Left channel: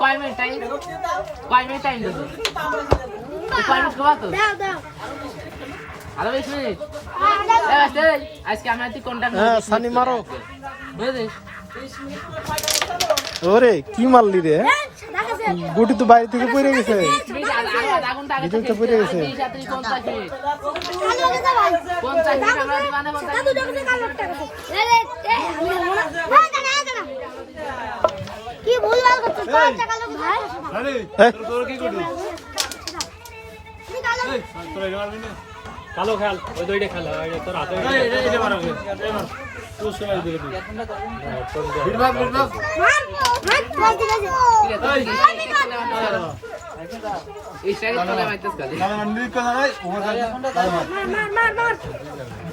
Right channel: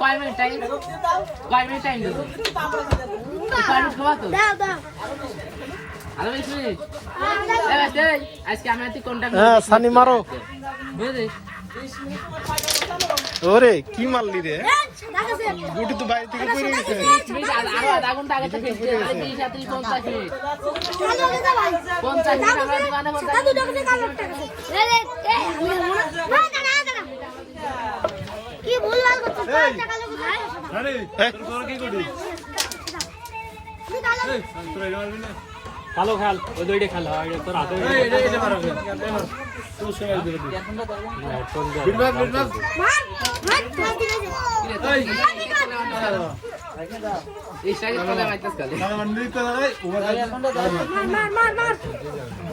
কয় minute time কয় minute time দেবো কয় মিনিট খাওয়া তো দাও দাও আরও বিশ মিনিট আজকে আমরা তুই কোনটা হ্যাঁ, সানি মারো। বুঝেছিস ওরে কি মারলি রে গুটি তো বাইরে থেকে পড়ে গেছে মিনিট, কালো ওই দুইটা খেল তোর হাতে মার। এই সাইডে খালি। ভাই কি অবস্থা মার মার মার মার দাও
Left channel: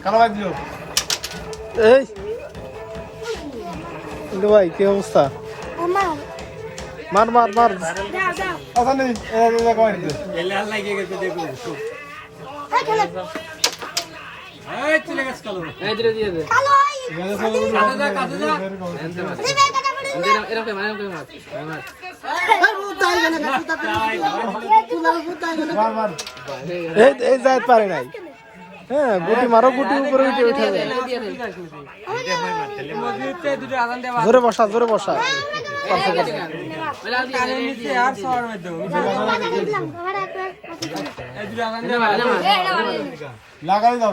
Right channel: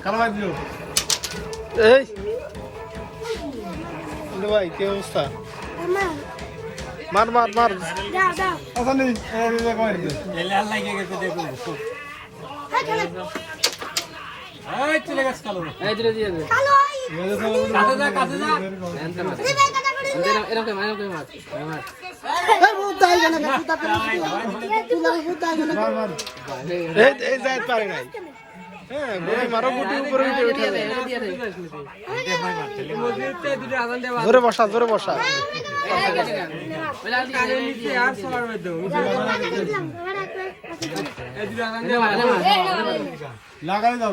কালো। এই এরকম- এরকম মার, এরকম মার। মার। এই পারে নাই। হ্যাঁ গুটি মারো গুটি উপরে উঠে উঠে। জোরে বসা জোরে বসা। এই, কেটে গান। ওই লাল দিয়ে দে, এই দিয়ে দে, আর এই দিয়ে দে। সবার মধ্যে দিলাম আর এক এই দুটো আদান এনে মার, এনে মার, এনে মার। লাগাই যাবে